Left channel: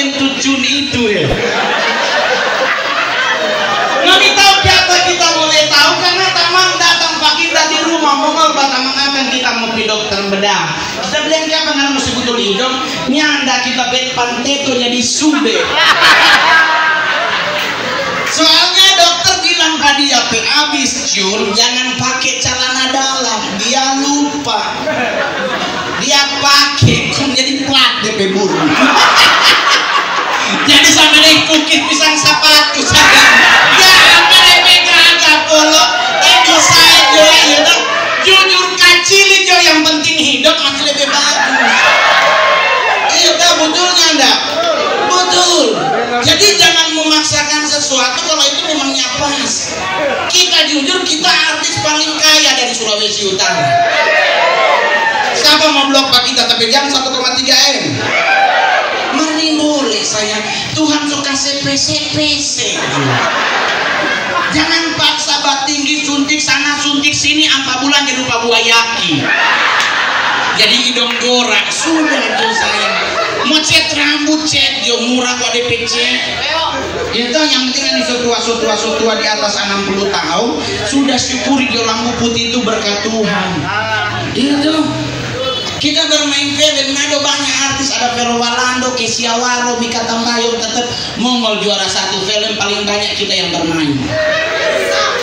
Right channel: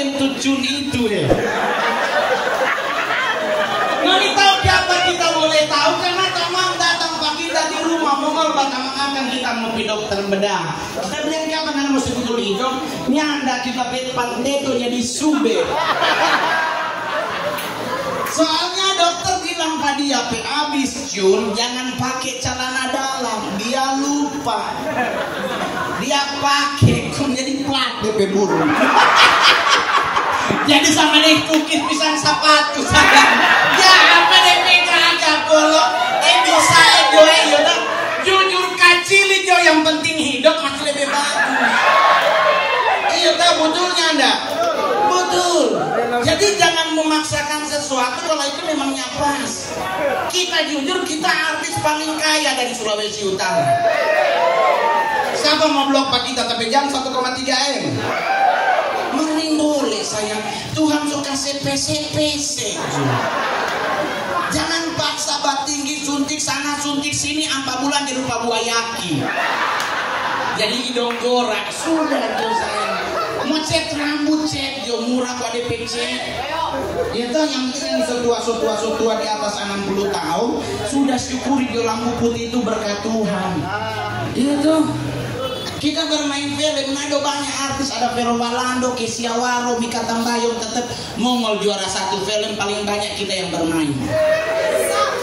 lentucun itu ya. Nabi tahu siapa kita boleh tahu karena tamang datang pak kita di rumah mongol batamang akan kita mau pi dokter bedah. Kita bilang siapa nggak mau sebut hidung nyanda kita pet pantetonya di sude. Soalnya dokter bilang ke dia abis cun jangan pakai celana dalam, dia lupa. Dia pakai kok jadi plat DP burung. Jadi sama dia kukis pisang sepatu sadar. Ya apa DP kagak polo. Bisa jo ya dong. Jujur kecil jo yang penting hidup masih lebih bagus. Iya tak betulnya enggak? Betul. Jadi jangan memaksakan sesuatu kalau itu memangnya pas. Kita jujur kita artis paling kaya dari Sulawesi Utara. Siapa mau blok pak kita tapi jam 1,3 M. Mending boleh saya. Tuhan suka CPC. Jangan paksa bak tinggi suntik sana suntik sini 4 bulan jadi lupa buayaki. Jadi hidung dorak sudah tuh saya. Mau cet rambut cet yo murah kok DPC. Itu yang penting ini setua di atas 60 tahun sudah syukuri dia lampu putih itu berkat Tuhan. Itu kita bermain film ada banyak artis ada Vero Walando, Kesia Waro, Mika Tambayong tetap Mongol juara 1 film paling banyak kita yang bermain.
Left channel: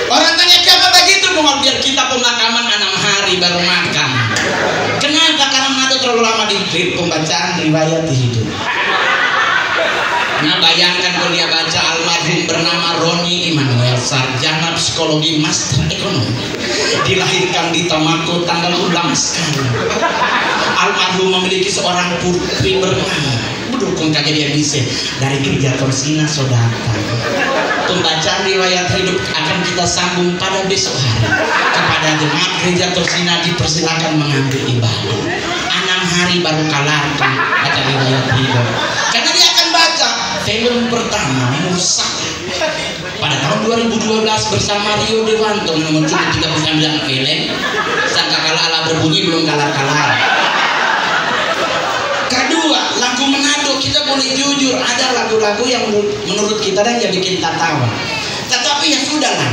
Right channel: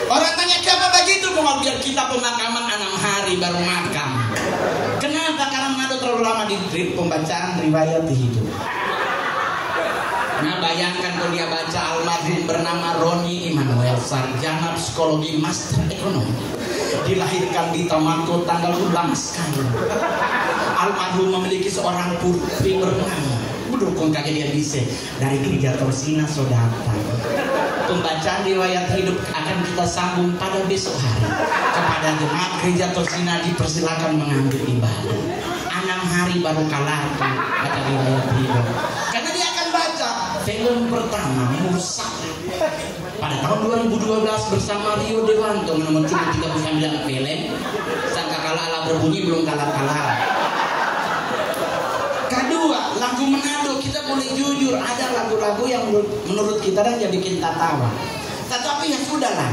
Orang tanya siapa begitu Mongol biar kita pemakaman 6 hari baru makan. Kenapa? Karena Manado terlalu lama di pembacaan riwayat hidup. Nah bayangkan kalau dia baca almarhum bernama Roni Immanuel, sarjana psikologi master ekonomi, dilahirkan di Tomako tanggal 16 sekali. Almarhum memiliki seorang putri bernama mendukung kejadian bisa dari gereja Torsina Saudara. Pembacaan riwayat hidup akan kita sambung pada besok hari. Kepada jemaat gereja Torsina dipersilakan mengambil ibadah. 6 hari baru kalah kata riwayat hidup. Karena dia akan baca film pertama Musa pada tahun 2012 bersama Rio Dewanto menemukan 39 film. Sangka kalah ala berbunyi belum kalah. Kedua, lagu Manado kita boleh jujur ada lagu-lagu yang menurut kita dan ya bikin tertawa. Tetapi ya sudahlah.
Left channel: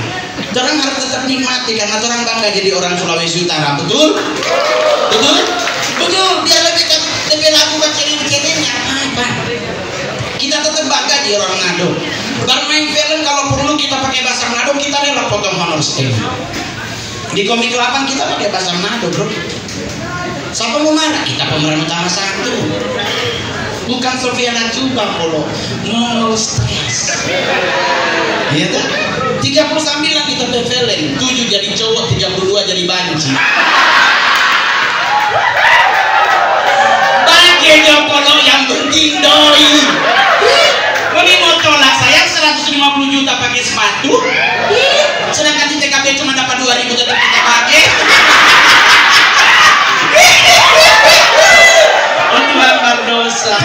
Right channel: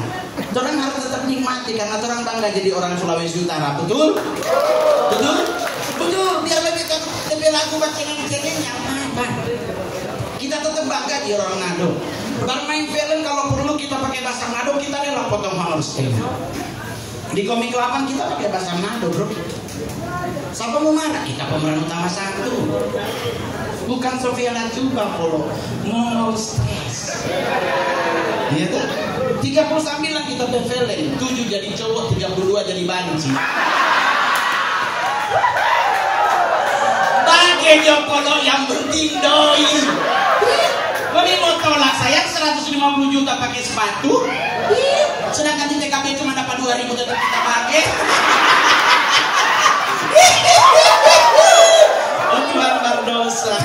Orang harus tetap nikmati karena orang bangga jadi orang Sulawesi Utara. Betul? Betul? Betul. Biar lebih lagu cengeng-cengengnya apa? Kita tetap bangga di orang Manado. Bermain film kalau perlu kita pakai bahasa Manado kita adalah potong honor stem. Di komik 8 kita pakai bahasa Manado bro. Siapa mau marah? Kita pemeran utama 1. Bukan Sofiana Cuba polo. Mongol stres. Iya kan? 39 kita film, 7 jadi cowok, 32 jadi banci. Bagi Jopolo yang penting doi. Ini mau tolak saya 150 juta pakai sepatu. Sedangkan di TKP cuma dapat 2.000 tetap kita pakai. Oh Tuhan berdosa.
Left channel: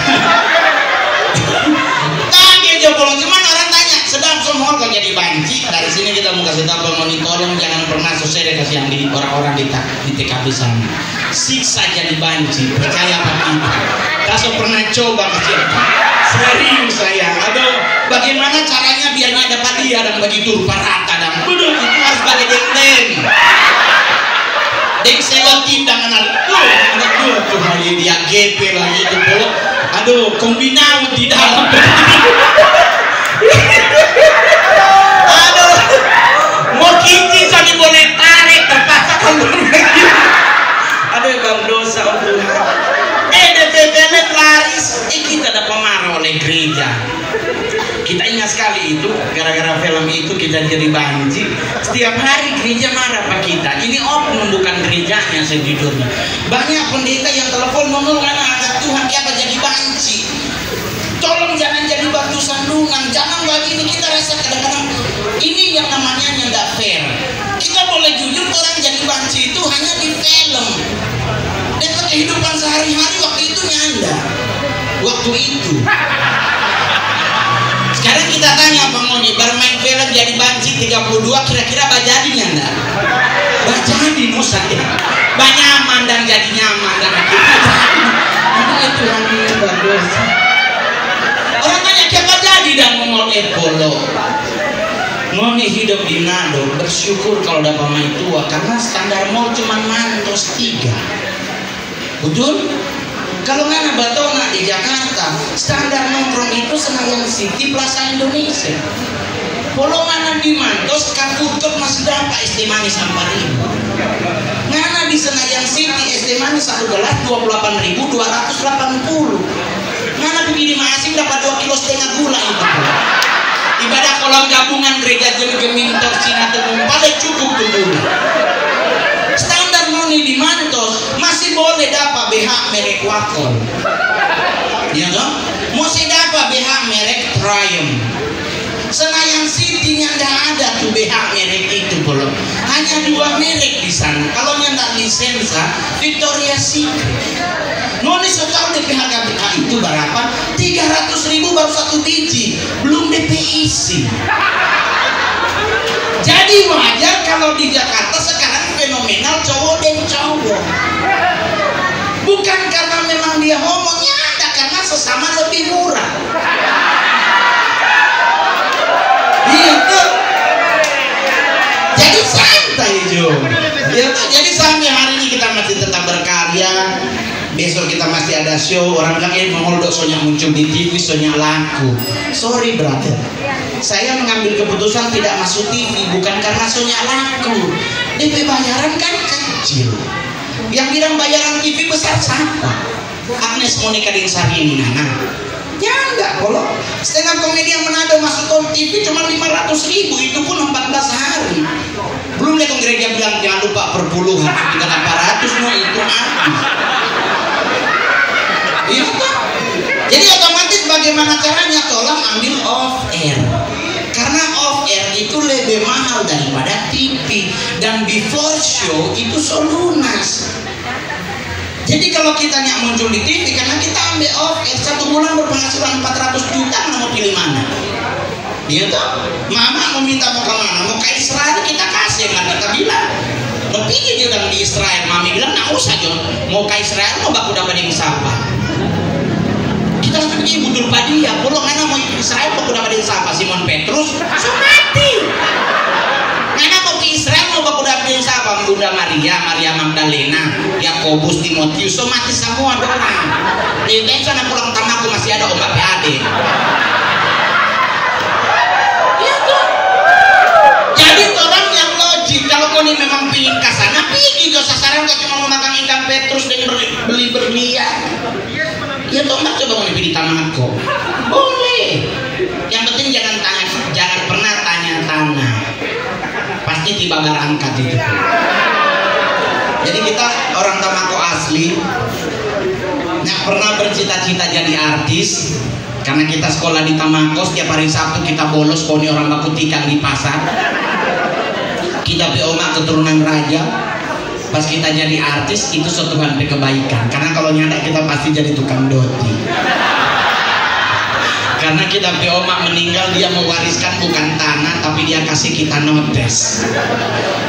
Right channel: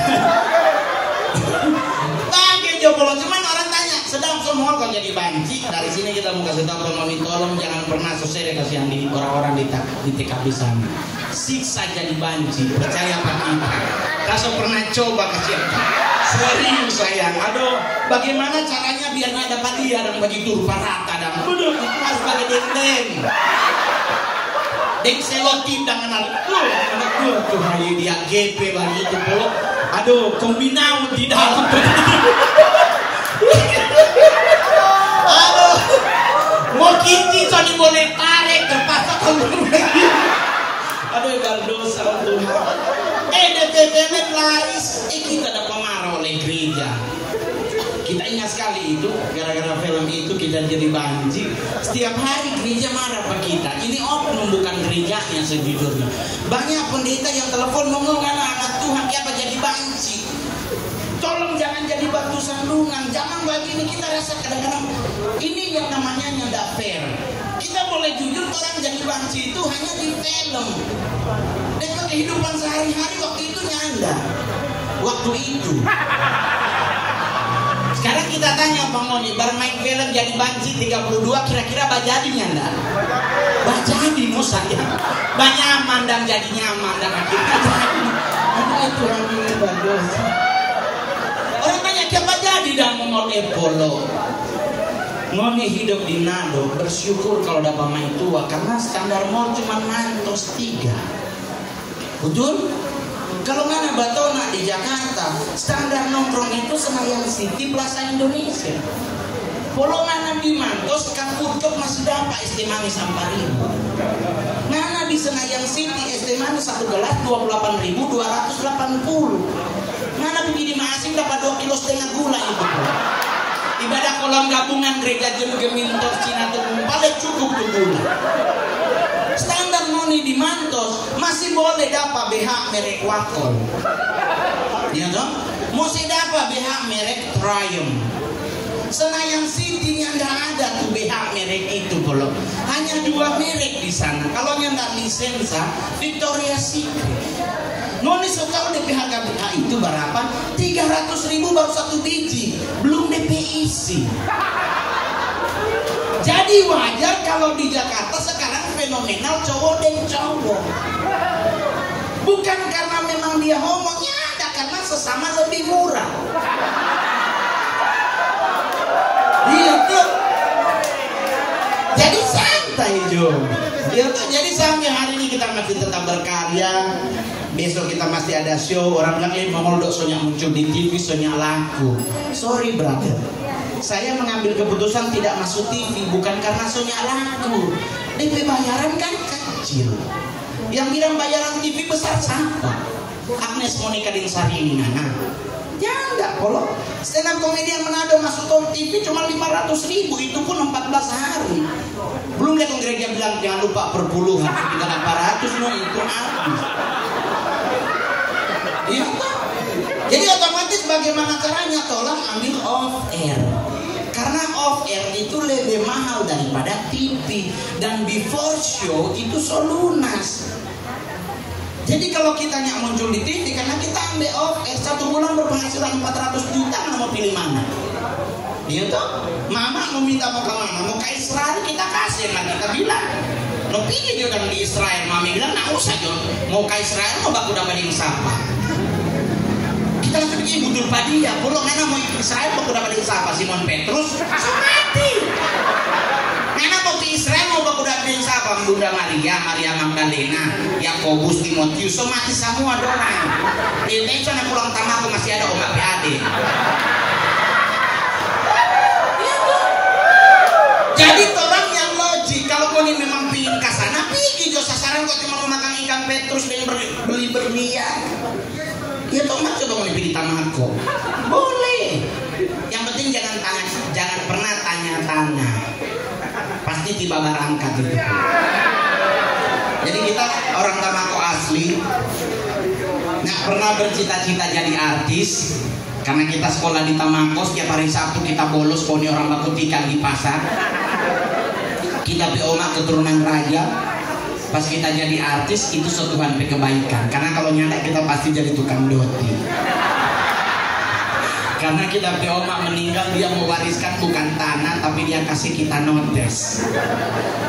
Bagi Jopolo cuman orang tanya sedang semua kok jadi banci. Dari sini kita mau kasih tahu pemoni tolong jangan pernah sosial kasihan di orang-orang di TKP sana. Siksa jadi banci, percaya apa kita? Kaso pernah coba kecil. Serius sayang. Aduh, bagaimana caranya biar nggak dapat dia dan begitu rupa rata dan betul itu harus pakai deng. Deng sewa tindangan aduh tuh hari dia GP lagi itu pula. Aduh, kombinasi di dalam. Aduh, mau kincin jadi boleh tarik terpaksa kombinasi. Aduh, bang dosa untuk. DPPL laris, kita ada pemarah oleh gereja. Kita ingat sekali itu, gara-gara film itu kita jadi banci. Setiap hari gereja marah pak kita. Ini oknum bukan gerejanya sejujurnya. Banyak pendeta yang telepon ngomong karena Tuhan kita jadi banci. Tolong jangan jadi batu sandungan. Jangan begini kita rasa kadang-kadang ini yang namanya nggak fair. Kita boleh jujur orang jadi banci itu hanya di film. Dan kehidupan sehari-hari waktu itu nyanda. Waktu itu. Sekarang kita tanya Bang Moni, bermain film jadi banci 32 kira-kira bajadinya enggak? Bajadi musa ya. Banyaman dan jadi nyaman dan akhirnya jadi. Itu hanya berdosa. hidup di Manado bersyukur kalau dapat mai tua, karena standar mall cuma mantos 3. Betul? Kalau ngana batona di Jakarta, standar nongkrong itu Senayan City, Plaza Indonesia. Kalau ngana di Mantos, Kaputkot masih dapat es teh manis 4.000. Ngana di Senayan City es teh manis 1 gelas 28.280. Ngana pergi di Masing dapat 2,5 kilo gula itu. Ibadah kolam gabungan gereja Gemintang Cina Tepung paling cukup tuh gula. Standar noni di Mantos masih boleh dapat BH merek Wakon. Ya toh? Masih dapat BH merek Triumph. Senayan City nya nggak ada tuh BH merek itu belum. Hanya 2 merek di sana. Kalau nyanda lisensa Victoria's Secret. Noni tahu DP harga BH itu berapa? 300.000 baru 1 biji, belum DP isi. Jadi wajar kalau di Jakarta sekarang fenomenal cowok dan cowok. Bukan karena memang dia homonya, ada karena sesama lebih murah. Gitu. Jadi santai Jo. Gitu. Jadi sampai hari ini kita masih tetap berkarya. Besok kita masih ada show. Orang bilang mau dok soalnya muncul di TV, soalnya laku. Sorry brother, saya mengambil keputusan tidak masuk TV bukan karena soalnya laku. DP bayaran kan kecil. Yang bilang bayaran TV besar siapa? Agnes Monica Dinsari ini Nana. Ya enggak, kalau stand up komedi yang Manado masuk TV cuma 500.000, itu pun 14 hari. Belum lihat gereja bilang jangan lupa perpuluhan 300 no itu habis. Iya toh? Jadi otomatis bagaimana caranya? Tolong ambil off air. Karena off air itu lebih mahal daripada TV. Dan before show itu lunas. Jadi kalau kita nyak muncul di TV karena kita ambil off air 1 bulan berpenghasilan 400 juta, mau pilih mana? Iya toh? Mama mau minta mau kemana? Mau ke Israel kita kasih, kan kita bilang. Mau pilih dia di Israel, mami bilang nggak usah John. Mau ke Israel mau baku dapat yang siapa? Kita langsung pergi butuh padia. Kalau ngana mau Israel baku dapat yang siapa? Simon Petrus, so mati. Ngana mau ke Israel mau baku dapat yang siapa? Bunda Maria, Maria Magdalena, Yakobus, Timotius, so mati semua orang. Di sana pulang tamaku masih ada ombak PAD. Jadi orang yang logik, kalau kau ini memang pingin ke sana, pergi ke sasaran kau cuma makan ikan Petrus dan beli berlian. Ya tombak coba mau pilih tanahku, boleh. Yang penting jangan pernah tanya-tanya. Pasti tiba berangkat itu. Jadi kita orang Tamako asli, nggak pernah bercita-cita jadi artis. Karena kita sekolah di Tamako, setiap hari Sabtu kita bolos poni orang bakutikan di pasar. Kita oma keturunan raja. Pas kita jadi artis itu setuhan kebaikan. Karena kalau nyanda kita pasti jadi tukang doti. Karena kita oma meninggal, dia mewariskan bukan tanah tapi dia kasih kita notes.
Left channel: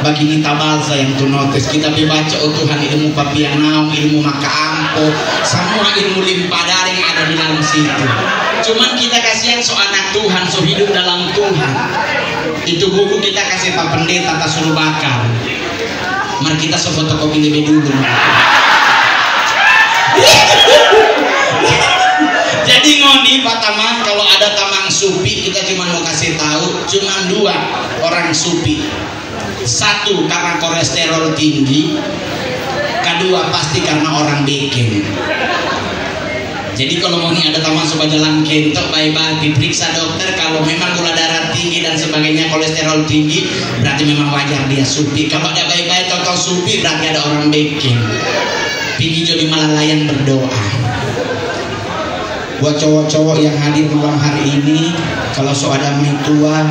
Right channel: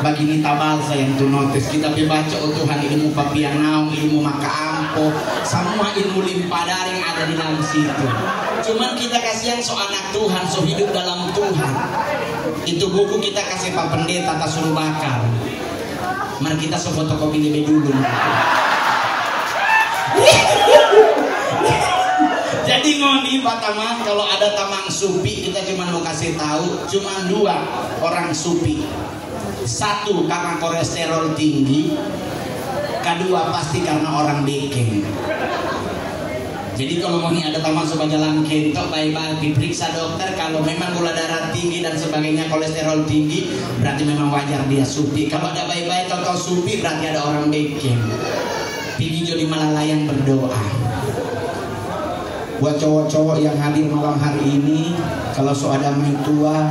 Bagi kita balsa yang tuh notes, kita baca oh Tuhan ilmu papianau, ilmu maka ampo, semua ilmu limpah daring ada di dalam situ. Cuman kita kasihan so anak Tuhan, so hidup dalam Tuhan. Itu buku kita kasih Pak Pendeta tak suruh bakar. Mari kita fotokopi lebih dulu. Jadi ngoni Pak Tamang, kalau ada Tamang Supi kita cuma mau kasih tahu cuma 2 orang Supi. 1 karena kolesterol tinggi, kedua pasti karena orang bikin. Jadi kalau mau nih ada Tamang supaya jalan kentok baik-baik diperiksa dokter, kalau memang gula darah tinggi dan sebagainya, kolesterol tinggi, berarti memang wajar dia Supi. Kalau ada baik-baik total Supi berarti ada orang bikin. Pergi jadi malalayan berdoa. Buat cowok-cowok yang hadir malam hari ini, kalau so ada mai tua,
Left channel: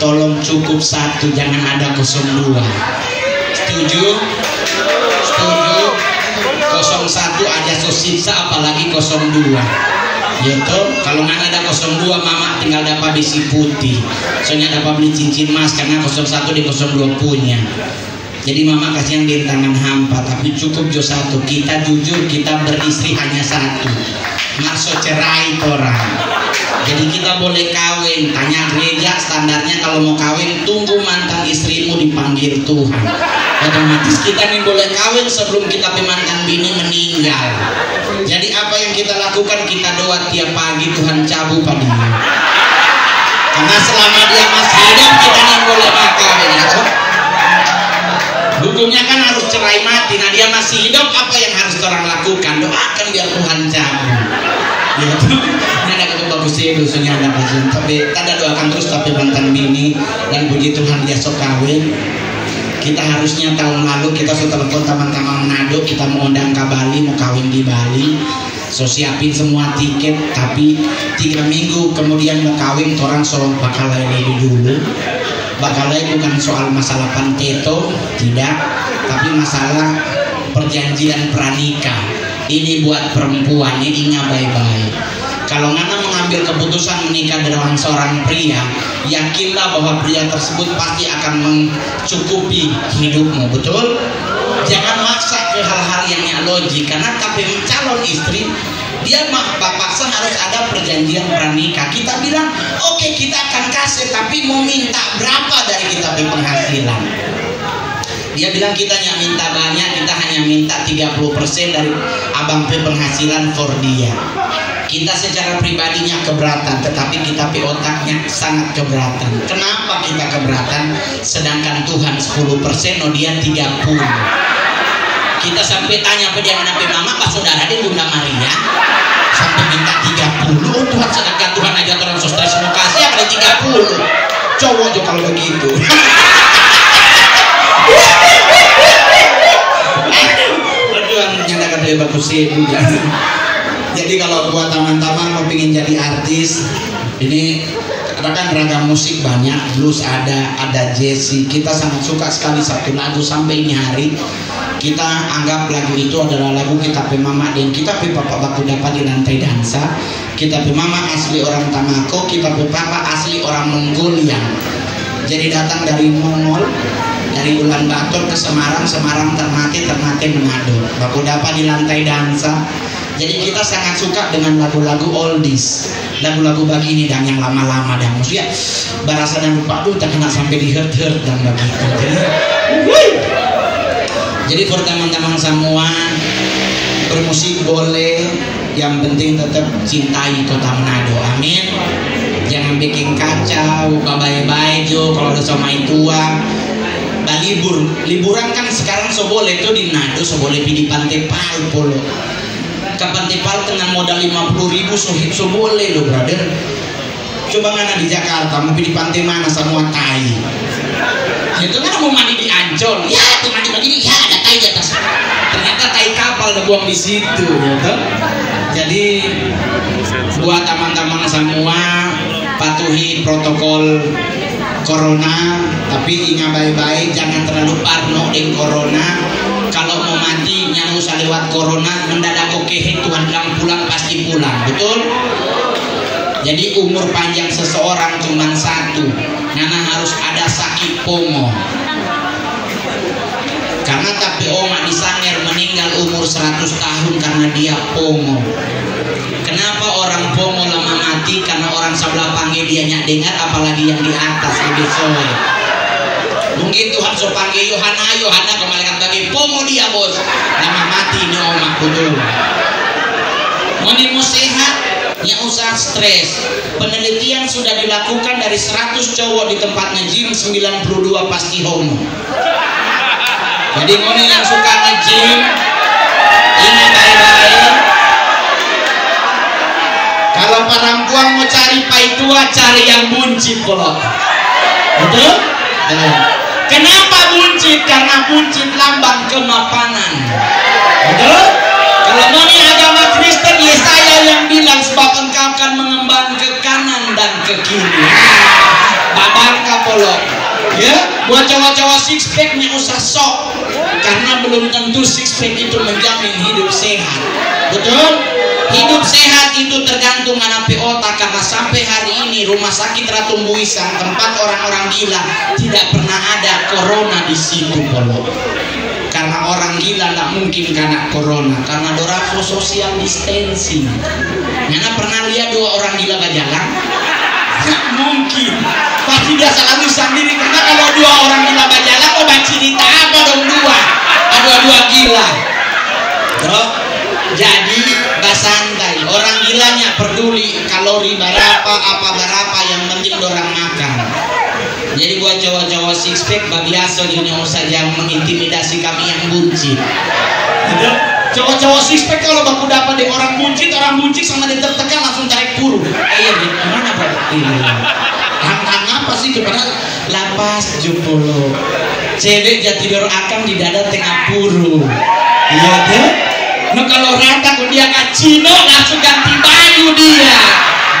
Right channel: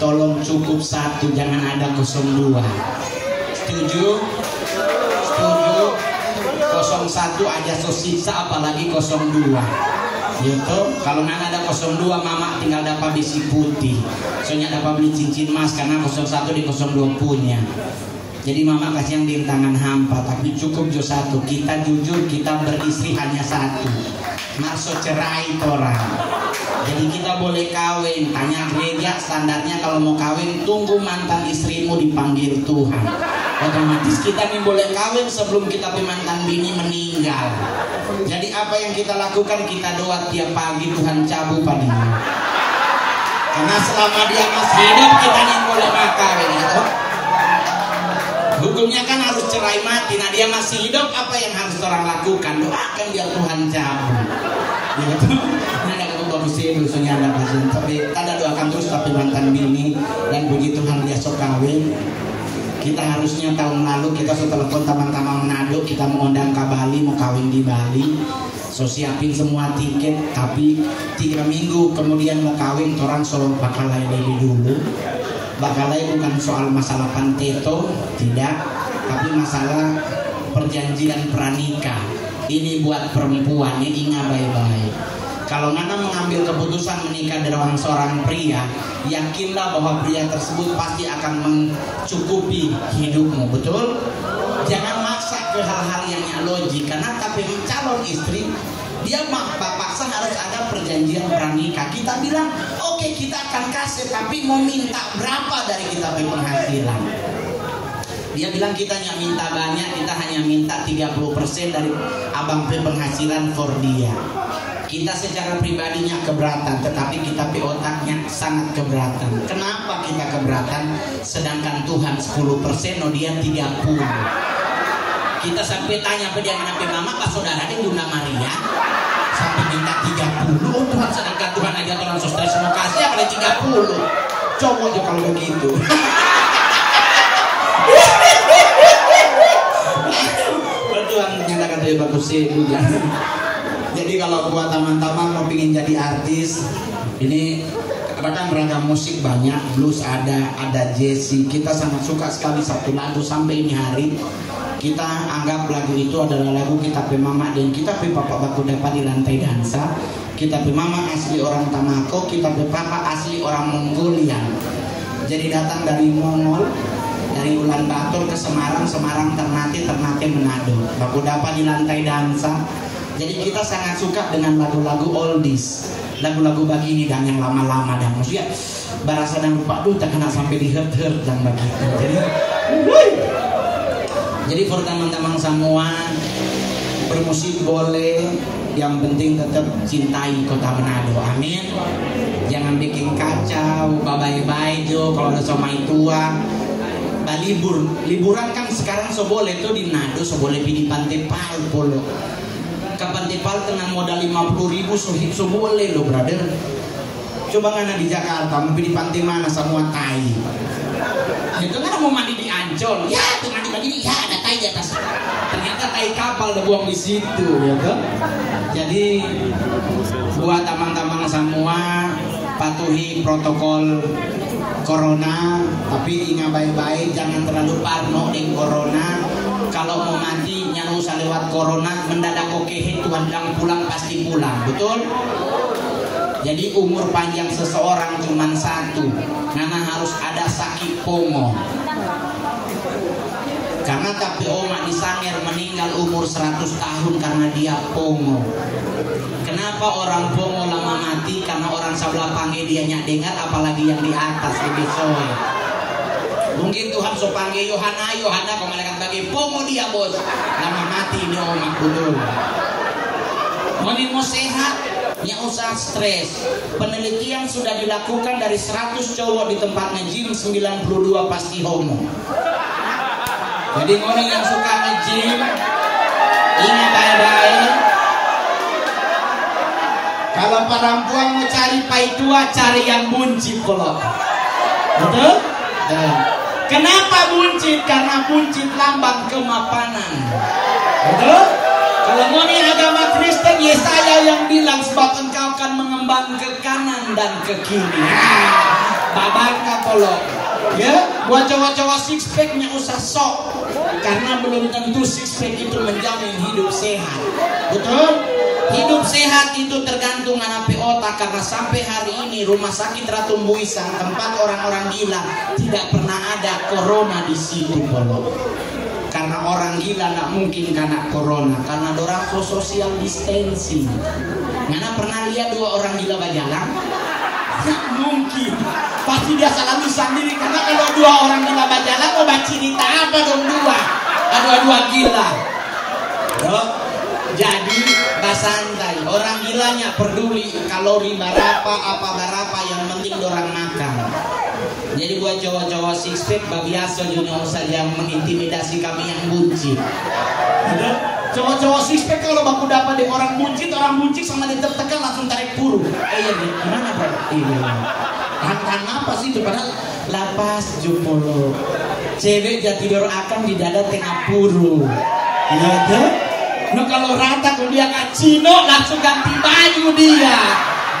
tolong cukup 1, jangan ada 02. Setuju? Setuju? 01 aja so siksa, apalagi 02. Gitu. Kalau nggak ada 02, mama tinggal dapat besi putih. Soalnya dapat beli cincin emas karena 01 di 02 punya. Jadi mama kasihan bentangan hampa, tapi cukup jo satu. Kita jujur, kita beristri hanya satu. Maksud cerai orang. Jadi kita boleh kawin. Tanya gereja standarnya kalau mau kawin, tunggu mantan istrimu dipanggil Tuhan. Otomatis kita nih boleh kawin sebelum kita mantan bini meninggal. Jadi apa yang kita lakukan, kita doa tiap pagi Tuhan cabut padanya. Karena selama dia masih hidup kita nih boleh kawin. Ya, hukumnya kan harus cerai mati. Nah dia masih hidup, apa yang harus orang lakukan? Doakan biar Tuhan cabut. Ya itu, ini ada bagus sih dosunya anak kasihan. Tapi tanda doakan terus tapi mantan bini dan puji Tuhan dia sok kawin. Kita harusnya tahun lalu kita sudah telepon teman-teman Manado, kita mau undang ke Bali, mau kawin di Bali. So siapin semua tiket, tapi 3 minggu kemudian mau kawin, orang soal bakalai lebih dulu. Bakalai bukan soal masalah panteto, tidak, tapi masalah perjanjian pranikah. Ini buat perempuan, ini ingat baik-baik. Kalau Ngana mengambil keputusan menikah dengan seorang pria, yakinlah bahwa pria tersebut pasti akan mencukupi hidupmu, betul? Jangan maksa ke hal-hal yang logik, karena tapi calon istri dia paksa harus ada perjanjian pranikah. Kita bilang oke, kita akan kasih, tapi mau minta berapa dari kita penghasilan? Dia bilang kita hanya minta banyak, kita hanya minta 30% dari abang penghasilan for dia. Kita secara pribadinya keberatan, tetapi kita otaknya sangat keberatan. Kenapa kita keberatan? Sedangkan Tuhan 10%, oh dia 30. Kita sampai tanya apa dia kenapa mama pas saudara dia Bunda Maria sampai minta 30. Oh Tuhan, sedangkan Tuhan aja orang so stres mau kasih ya kali 30. Cowok aja kalau begitu. Tuhan nyatakan dia bagus sih juga. Jadi kalau buat teman-teman mau pingin jadi artis, ini kan ragam musik banyak, blues ada jazz. Kita sangat suka sekali satu lagu sampai ini hari. Kita anggap lagu itu adalah lagu kita Mama dan kita Papa Baku dapat di lantai dansa. Kita Mama asli orang Tamako, kita Papa asli orang Mongolian. Jadi datang dari Mongol, dari Ulan Bator ke Semarang, Semarang Ternate Manado. Baku dapat di lantai dansa. Jadi kita sangat suka dengan lagu-lagu oldies, lagu-lagu begini dan yang lama-lama dan maksudnya berasa dan lupa tuh tak kena sampai di hurt dan begitu. Jadi buat teman-teman semua, bermusik boleh, yang penting tetap cintai kota Manado. Amin. Jangan bikin kacau, baik-baik jo kalau ada somai tua. Liburan kan sekarang so boleh tuh di Manado, so boleh di Pantai Palo. Kapan Tepal dengan modal 50.000 so boleh loh brother. Coba ngana di Jakarta mau di pantai mana semua tai. Itu kan mau mandi di Ancol, ya tuh mandi ya ada tai di atas. Ternyata tai kapal udah buang di situ gitu. Jadi buat teman-teman semua patuhi protokol corona, tapi ingat baik-baik jangan terlalu parno dengan corona. Kalau mau mati yang usah lewat corona mendadak oke Tuhan bilang pulang pasti pulang, betul? Jadi umur panjang seseorang cuma satu, Nana harus ada sakit pongo. Karena tapi Oma di Sangir meninggal umur 100 tahun karena dia pongo. Kenapa orang pongo lama mati? Karena orang sebelah panggil dia nyak dengar, apalagi yang di atas lebih sore. Mungkin Tuhan so panggil Yohana kembali bagi pomo dia bos. Lama mati ini omak betul. Mau sehat, yang usah stres. Penelitian sudah dilakukan dari 100 cowok di tempat nge-gym, 92 pasti homo. Jadi mau yang suka nge-gym, ini baik-baik. Kalau perempuan mau cari pai tua, cari yang buncit polo. Betul? Kenapa buncit? Karena buncit lambang kemapanan. Betul? Kalau mau agama Kristen, Yesaya yang bilang sebab engkau akan mengembang ke kanan dan ke kiri. Babar kapolok. Ya, buat cowok-cowok six packnya usah sok. Karena belum tentu six pack itu menjamin hidup sehat. Betul? Hidup sehat itu tergantung anak otak, karena sampai hari ini ini rumah sakit Ratu Buisang, tempat orang-orang gila, tidak pernah ada corona di situ, Polo. Karena orang gila tidak mungkin kena corona, karena dorang social distancing. Ngana pernah lihat dua orang gila berjalan? Nggak mungkin. Pasti dia selalu sendiri, karena kalau dua orang gila berjalan, mau cerita apa dong dua? Dua gila. Bro, jadi basantai. Orang gilanya peduli kalori berapa, apa berapa, yang penting dorang makan. Jadi buat cowok-cowok six pack biasa dunia saja mengintimidasi kami yang buncit. Cowok-cowok six pack kalau baku dapat dengan orang buncit sama dia tertekan langsung tarik puru. Iya, gimana Pak? Iya. Hang apa sih kepada lapas jupolo. Cewek jatidor akam di dada tengah puru. Iya dia. Nah kalau rata kalau dia kacino langsung ganti baju dia.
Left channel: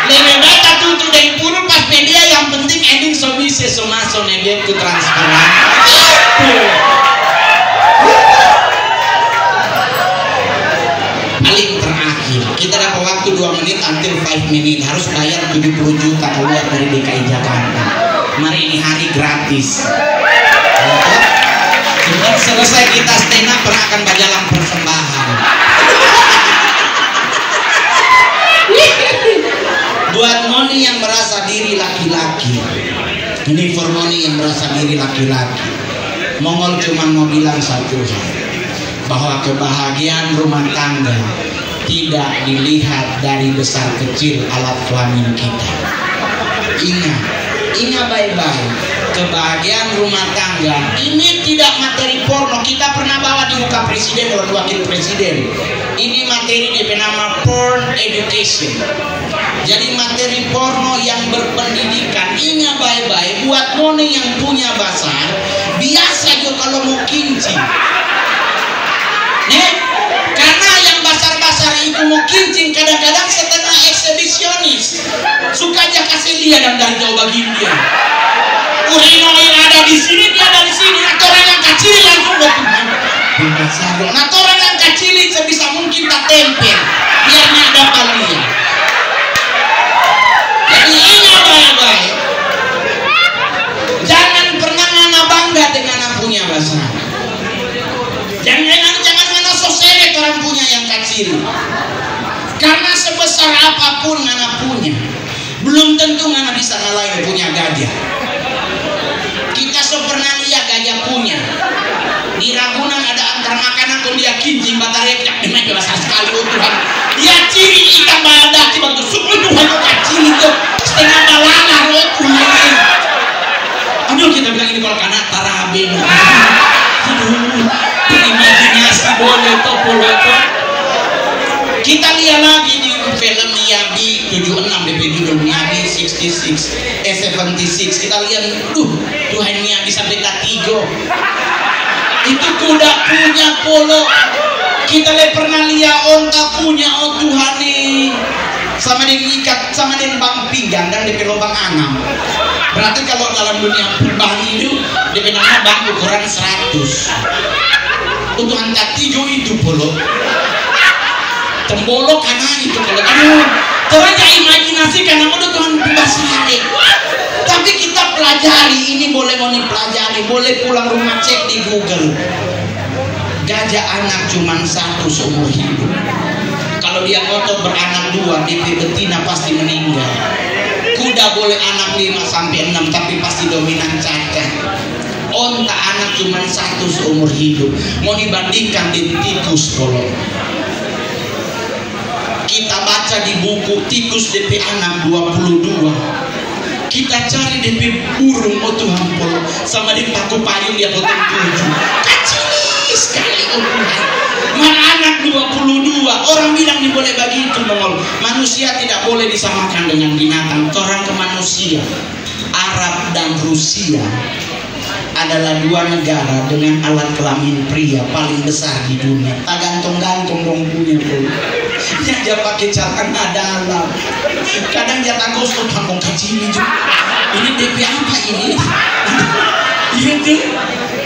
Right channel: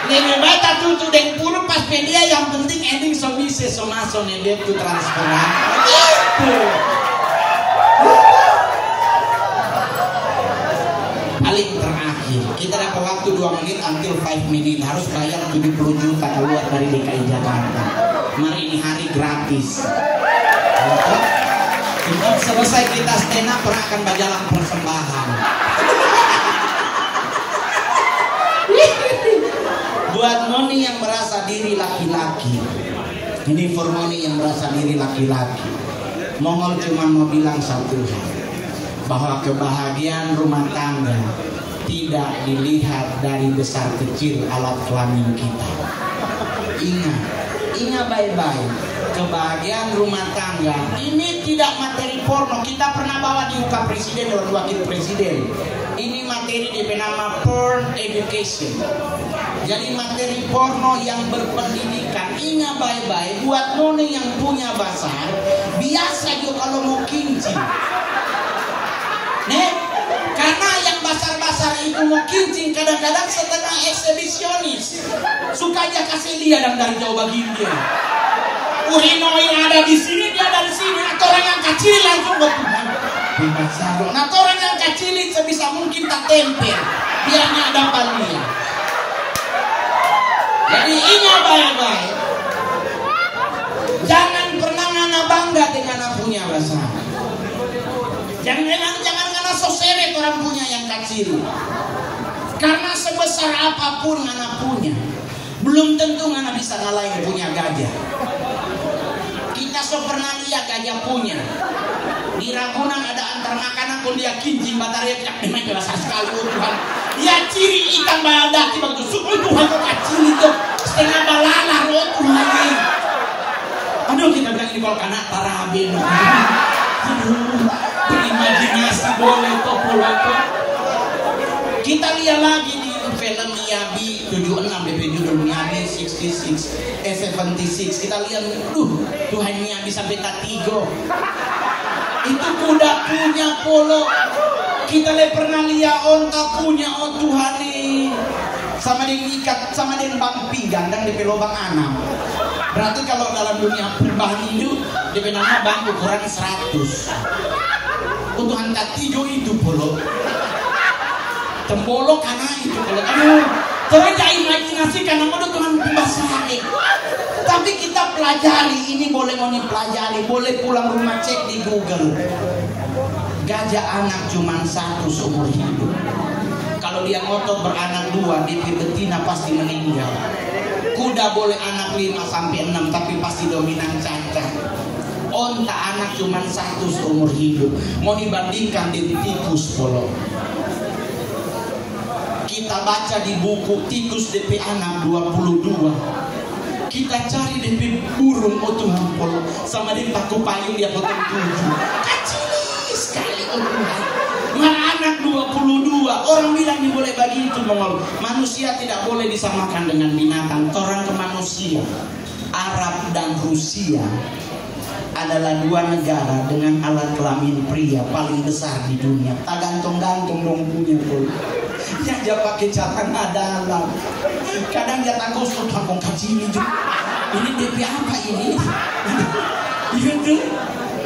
Lebih baik tutup dari puru pas media, yang penting ending so bisa so masuk nebet ke transparan. Paling terakhir kita dapat waktu 2 menit until 5 menit, harus bayar 70 juta keluar dari DKI Jakarta. Mari ini hari gratis. Cepat selesai kita stand up akan berjalan persembahan. Buat Moni yang merasa diri laki-laki, ini for Moni yang merasa diri laki-laki, Mongol cuma mau bilang satu hal, bahwa kebahagiaan rumah tangga tidak dilihat dari besar kecil alat kelamin kita. Ingat baik-baik, kebahagiaan rumah tangga ini tidak materi porno. Kita pernah bawa di muka presiden dan wakil presiden. Ini materi bernama porn education. Jadi materi porno yang berpendidikan. Ingat baik-baik, buat Moni yang punya basar, biasa juga kalau mau kincing. Nih, karena yang basar-basar itu mau kincing kadang-kadang setengah eksibisionis. Suka aja kasih lihat dari jauh bagian dia. Urino yang ada di sini, dia dari sini. Atau orang yang kecil langsung ke Tuhan. Nah, orang yang kecil sebisa mungkin tak tempel, biarnya dapat lihat. Jadi ingat baik-baik, jangan pernah ngana bangga dengan anak punya basar. Jangan ngana soseret orang punya yang kecil. Karena sebesar apapun ngana punya, belum tentu ngana bisa ngalahin punya gajah. Kita pernah lihat gajah punya. Di Ragunan ada antara makanan kalau dia kincing batarek dengan jelas sekali Tuhan. Dia ciri ikan badak di batu suku Tuhan kecil itu setengah balala Tuhan. Aduh kita bilang ini kalau kanak taraben. Aduh, imajinasi boleh topolo. Kita lihat lagi di film Miyabi 76 DP judul Miyabi 76 76. Kita lihat, aduh Tuhan Miyabi sampai ketigo. Itu kuda punya polo. Kita pernah lihat onta punya, oh Tuhan nih. Sama dengan ikat, sama dengan bang pinggang dan DP lubang anam. Berarti kalau dalam dunia bang itu DP nama bang ukuran 100. Tuhan ketigo itu polo. Tembolo karena itu polo. Aduh, Tuhan gak imajinasi karena mau Tuhan basari. Tapi kita pelajari, ini boleh mau pelajari, boleh pulang rumah cek di Google. Gajah anak cuma 1 seumur hidup. Kalau dia ngotot beranak 2, DP betina pasti meninggal. Kuda boleh anak 5 sampai 6, tapi pasti dominan cacat. Onta anak cuma 1 seumur hidup. Mau dibandingkan di tikus polo. Kita baca di buku tikus DP anak 22. Kita cari DP burung, oh Tuhan polo, sama di paku payung dia potong 7. Kecil sekali, oh Tuhan. Mana anak 22. Orang bilang ini boleh begitu, Mongol. Manusia tidak boleh disamakan dengan binatang. Orang ke manusia, Arab dan Rusia adalah 2 negara dengan alat kelamin pria paling besar di dunia. Tak gantung-gantung dong punya polo. Dia pakai celana dalam. Kadang dia takut tampung kecil juga. Ini DP apa ini? Itu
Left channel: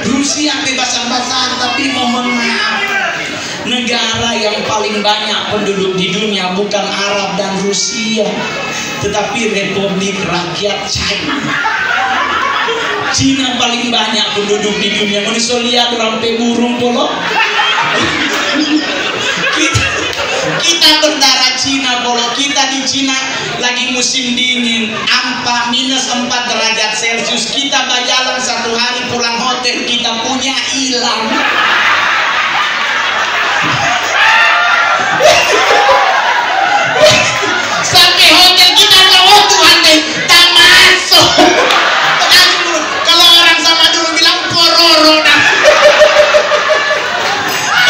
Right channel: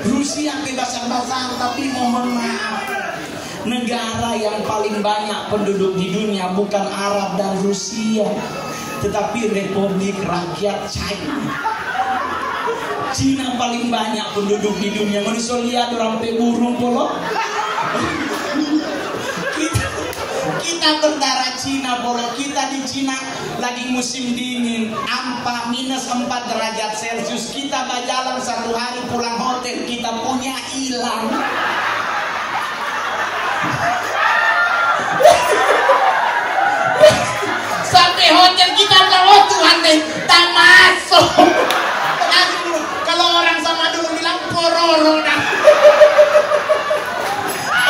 Rusia bebasan-basan, tapi mohon maaf, negara yang paling banyak penduduk di dunia bukan Arab dan Rusia, tetapi Republik Rakyat China. Cina paling banyak penduduk di dunia. Manusia lihat rampai burung polo. Kita berdarah Cina polo. Kita di Cina lagi musim dingin, minus 4 derajat Celcius. Kita berjalan 1 hari pulang hotel kita punya hilang. Sampai hotel kita bilang, oh Tuhan deh, tak masuk. Kalau orang sama dulu bilang pororo dah.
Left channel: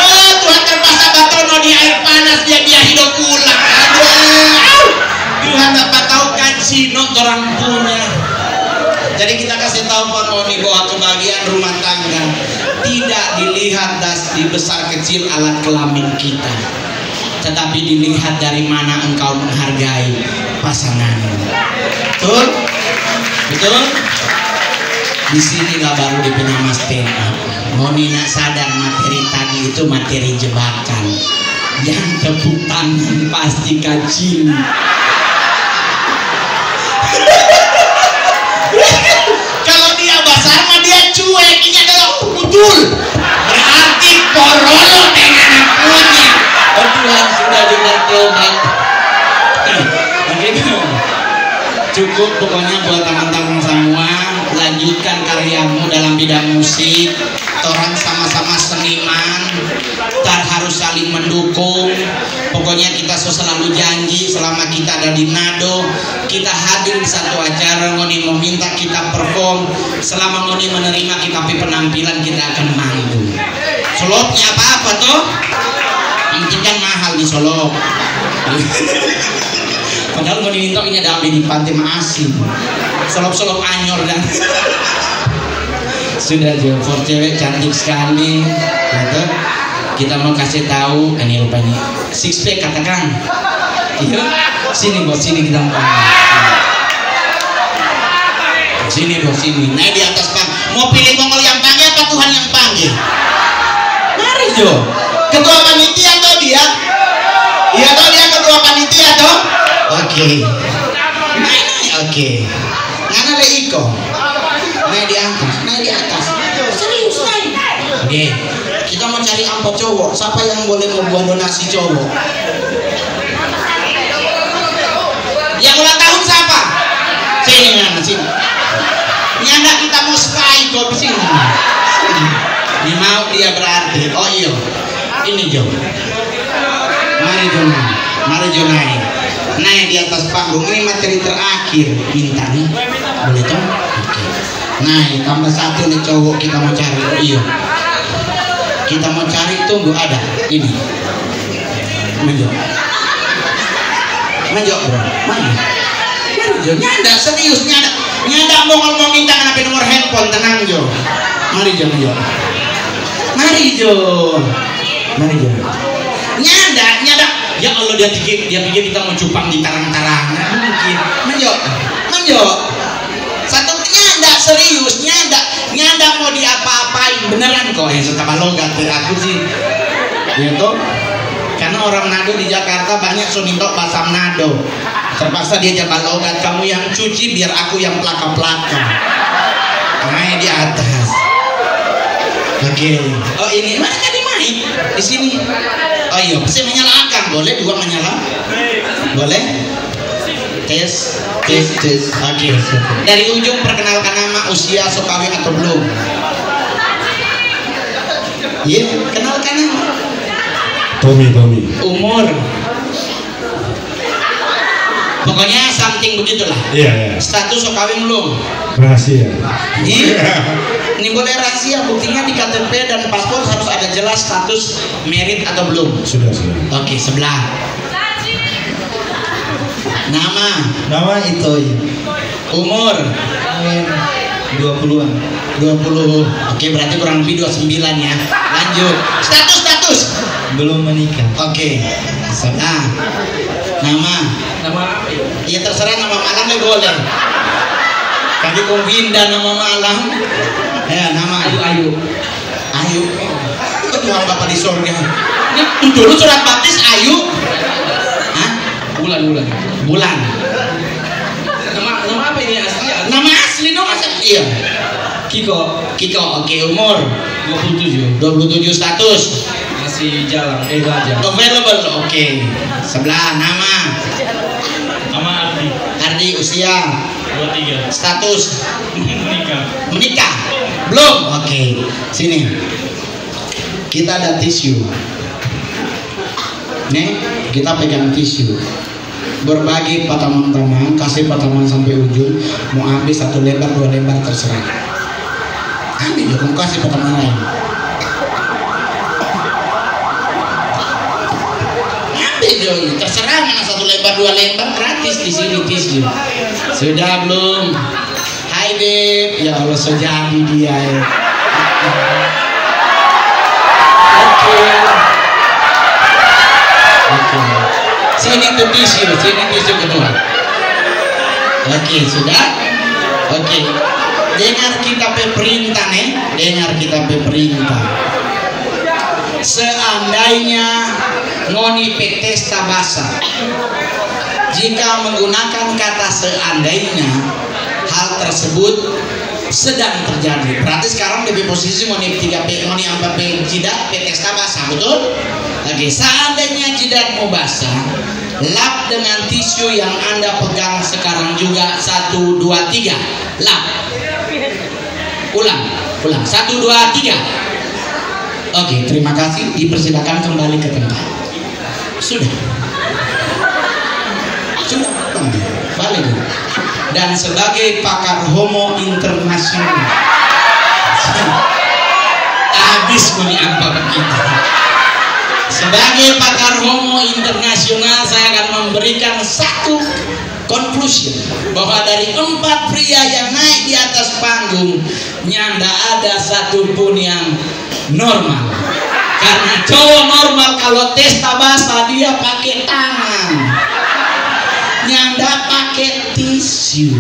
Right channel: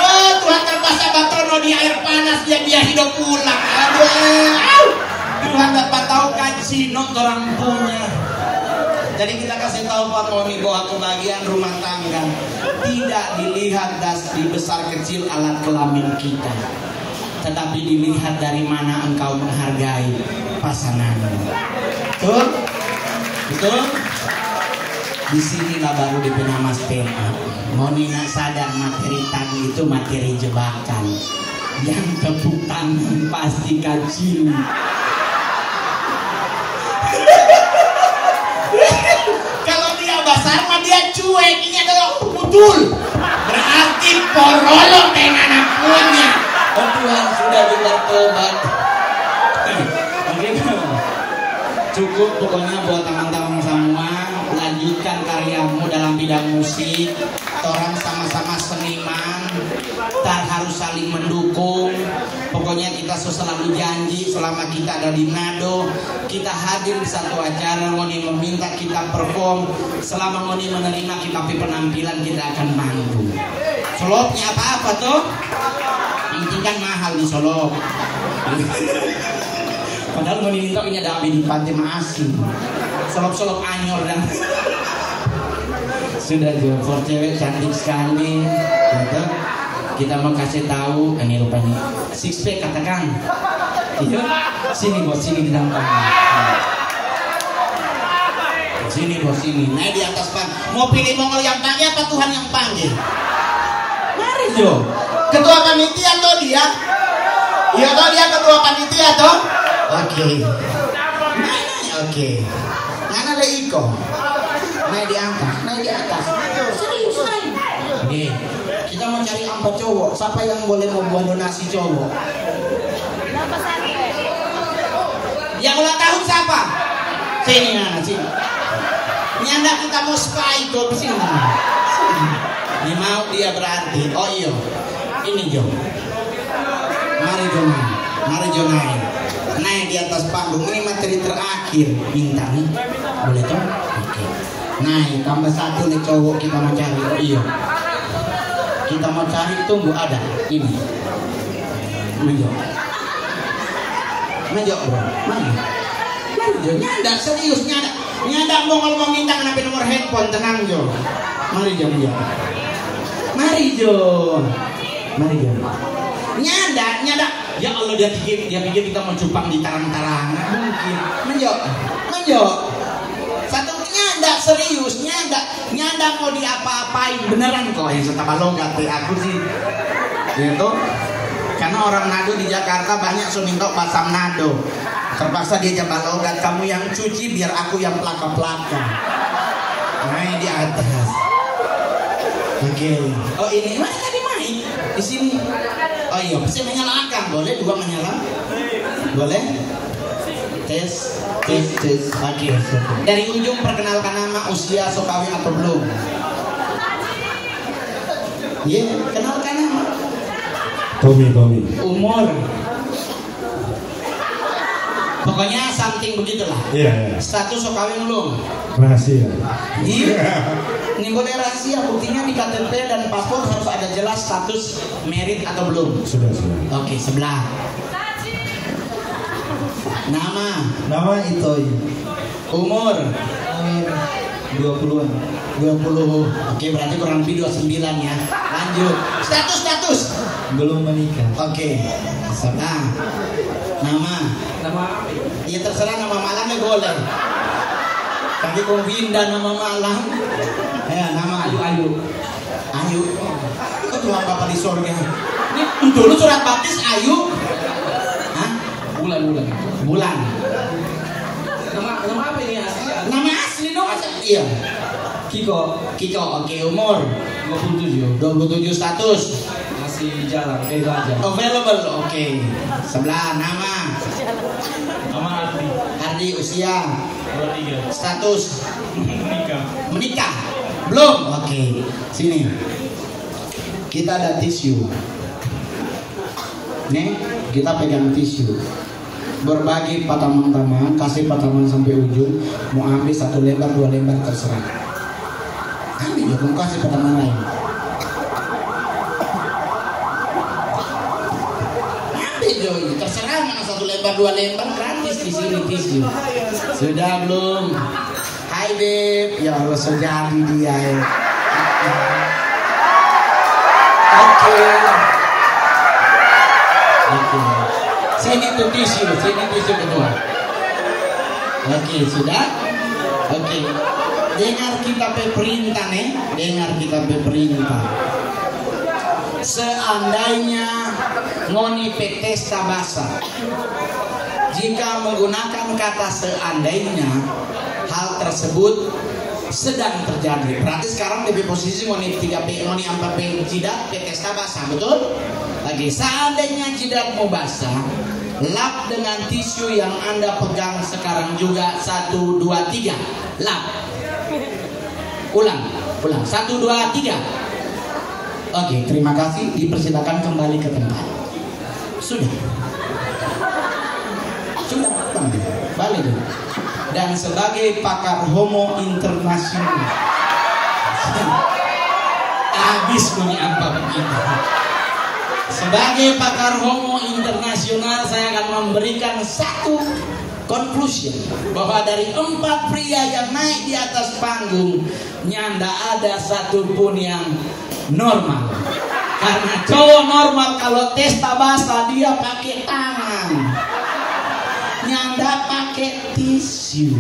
Oh Tuhan terpaksa batono di air panas dia hidup pulang. Aduh, Tuhan dapat tahu kacino orang punya. Jadi kita kasih tahu Pak Koni bahwa kebahagiaan rumah tangga tidak dilihat dari besar kecil alat kelamin kita, tetapi dilihat dari mana engkau menghargai pasanganmu. Betul? Betul? Disinilah baru dipena mas tema. Ngoni nak sadar materi tadi itu materi jebakan. Yang tepuk tangan pasti kacil. Kalau dia basar mah dia cuek. Ini adalah betul. Berarti porolo dengan punya. Tuhan sudah bertobat. Cukup pokoknya buat teman-teman semua, lanjutkan karyamu dalam bidang musik. Orang sama-sama seniman, tak harus saling mendukung. Pokoknya kita selalu janji selama kita ada di Nado, kita hadir di satu acara. Ngoni meminta kita perform, selama Ngoni menerima kita penampilan kita akan manggung. Solopnya apa-apa toh? Yang penting kan mahal di Solo. Padahal Ngoni minta ini ada di Pantai Maasin. Solop-solop anyor dan sudah jauh for cewek cantik sekali. Gitu. Kita mau kasih tahu ini rupanya six pack katakan. Iya. Sini bos, sini kita mau. Sini bos, sini. Naik di atas Pak. Mau pilih mongol yang panggil apa Tuhan yang panggil? Mari Jo. Ketua panitia atau dia? Iya toh dia ketua panitia toh? Oke. Naik. Oke. Ngana le iko. Naik di atas, naik di atas. Serius naik. Oke. Kita mau cari amplop cowok. Siapa yang boleh membuat donasi cowok? Yang ulang tahun siapa? Sini Nana, sini. Nyanda kita mau spy kok di sini. Ini mau dia berarti. Oh iya. Ini Jo. Mari Jo naik. Mari Jo naik. Naik di atas panggung. Ini materi terakhir. Minta nih. Boleh toh? Oke. Naik tambah satu nih cowok kita mau cari. Oh iya. Kita mau cari tunggu ada. Ini. Menjok. Menjok bro. Mari. Mari Jo. Nyanda serius nyanda. Nyanda mau minta kenapa nomor handphone. Tenang Jo. Mari Jo. Mari Jo. Mari Jo. Nyanda. Ya Allah dia pikir kita mau cupang di tarang-tarang. Mungkin. Menjok. Satu nyanda serius, nyanda mau diapa-apain beneran kok yang suka balogat aku sih. Gitu. Karena orang Nado di Jakarta banyak sumintok basam Nado. Terpaksa dia coba balogat, kamu yang cuci biar aku yang plaka-plaka. Main di atas. Oke. Oh ini mana kan main di sini. Oh iya, pasti menyalakan. Boleh dua menyala? Boleh? Tes. Oke. Dari ujung perkenalkan nama, usia, sok kawin atau belum? Iya, kenalkan nama. Tommy. Umur. Pokoknya something begitulah. Iya. Status sok kawin belum? Rahasia. Iya. Ini boleh rahasia, buktinya di KTP dan paspor harus ada jelas status married atau belum. Sudah. Oke, sebelah. Nama Itoi. Umur 20-an. 20. Oke, berarti kurang lebih 29 ya. Lanjut. Status. Belum menikah. Oke. Nah. Nama. Ya terserah nama malam ya boleh. Kali kong Winda nama malam. Ya, nama Ayu. Kok Tuhan Bapak di surga. Ini dulu surat baptis Ayu. Hah? Bulan. Nama apa ini asli? Nama asli dong iya. Kiko. Oke, umur 27. 27 status Masih jalan, belajar. available. Oke. Sebelah nama Nama Ardi usia 23. status Menikah. belum. Oke. Sini kita ada tisu nih, kita pegang tisu, berbagi teman-teman, kasih teman sampai ujung. Mau ambil 1 lembar 2 lembar terserah, ambil ya, kamu kasih teman lain, ambil doi, terserah mana 1 lembar 2 lembar, gratis di sini tisu. Sudah belum? Hai Beb, ya Allah sudah dia ya. Oke. Sini tuh tisu kedua. Oke, sudah? Oke. Dengar kita perintah nih, Seandainya ngoni petesta basa, jika menggunakan kata seandainya, hal tersebut sedang terjadi. Berarti sekarang di posisi ngoni 3P, ngoni 4P jidat petesta basa, betul? Oke, seandainya jidatmu basah, lap dengan tisu yang Anda pegang sekarang juga. 1, 2, 3, lap. Ulang. 1, 2, 3. Oke, terima kasih. Dipersilakan kembali ke tempat. Sudah. Balik. Dan sebagai pakar homo internasional, habis meni apa kita. Sebagai pakar homo internasional, saya akan memberikan satu conclusion bahwa dari 4 pria yang naik di atas panggung, nyanda ada satupun yang normal. Karena cowok normal kalau testa basah dia pakai tangan, nyanda pakai tisu.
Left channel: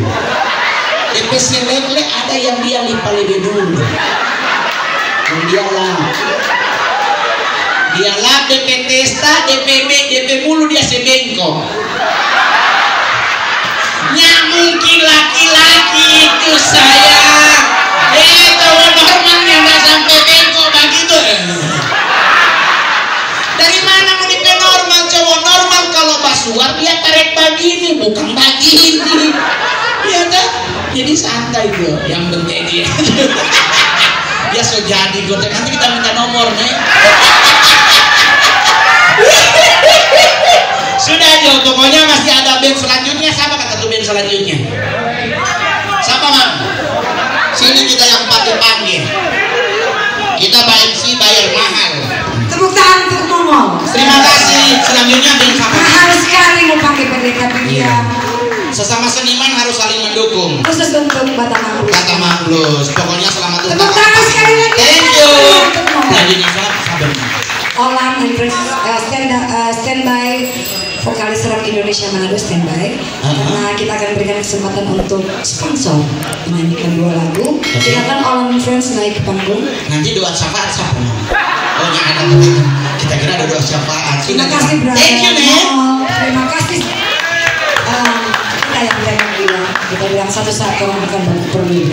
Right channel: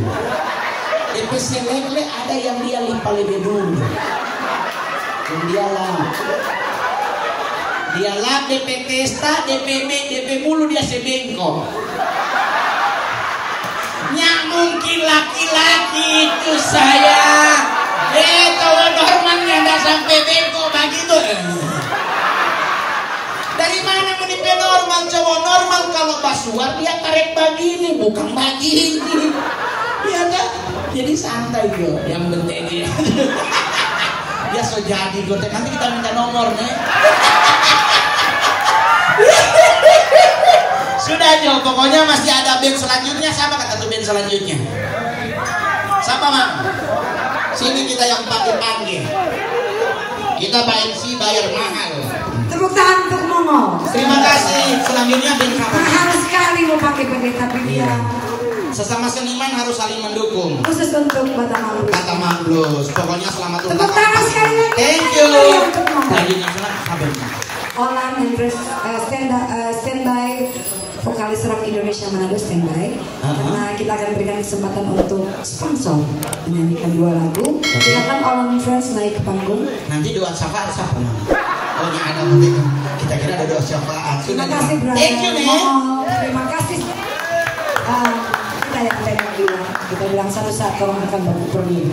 DP selekle ada yang dia lipat lebih dulu. Dia lap DP testa, DP mulu dia sebengkok. Ya mungkin laki-laki itu saya. Cowok normalnya nggak sampai bengkok begitu. Dari mana mau DP normal? Cowok normal kalau basuar dia tarik begini, bukan begini. Ya udah, jadi santai bro. Yang penting dia. Dia so jadi gue. Nanti kita minta nomor nih. Sudah Jo, pokoknya masih ada band selanjutnya. Siapa kata tuh band selanjutnya? Siapa Mang? Sini kita yang panggil. Kita bayar mahal. Tepuk tangan untuk ngomong. Terima kasih. Selanjutnya band siapa? Harus sekali mau pakai pendeta dia. Sesama seniman harus saling mendukung. Khusus untuk Batam Blues. Pokoknya selamat tepuk tangan sekali lagi. Thank you. Selanjutnya sabar. Olan standby vokalis rock Indonesia Manado standby. Karena kita akan berikan kesempatan untuk sponsor menyanyikan 2 lagu. Silakan Olan Friends naik ke panggung. Nanti doa syafaat siapa? Oh ya ada. Kita kira ada doa syafaat. Terima kasih brother. Thank you nih. Terima kasih. Kita yang bilang satu saat orang akan berubah.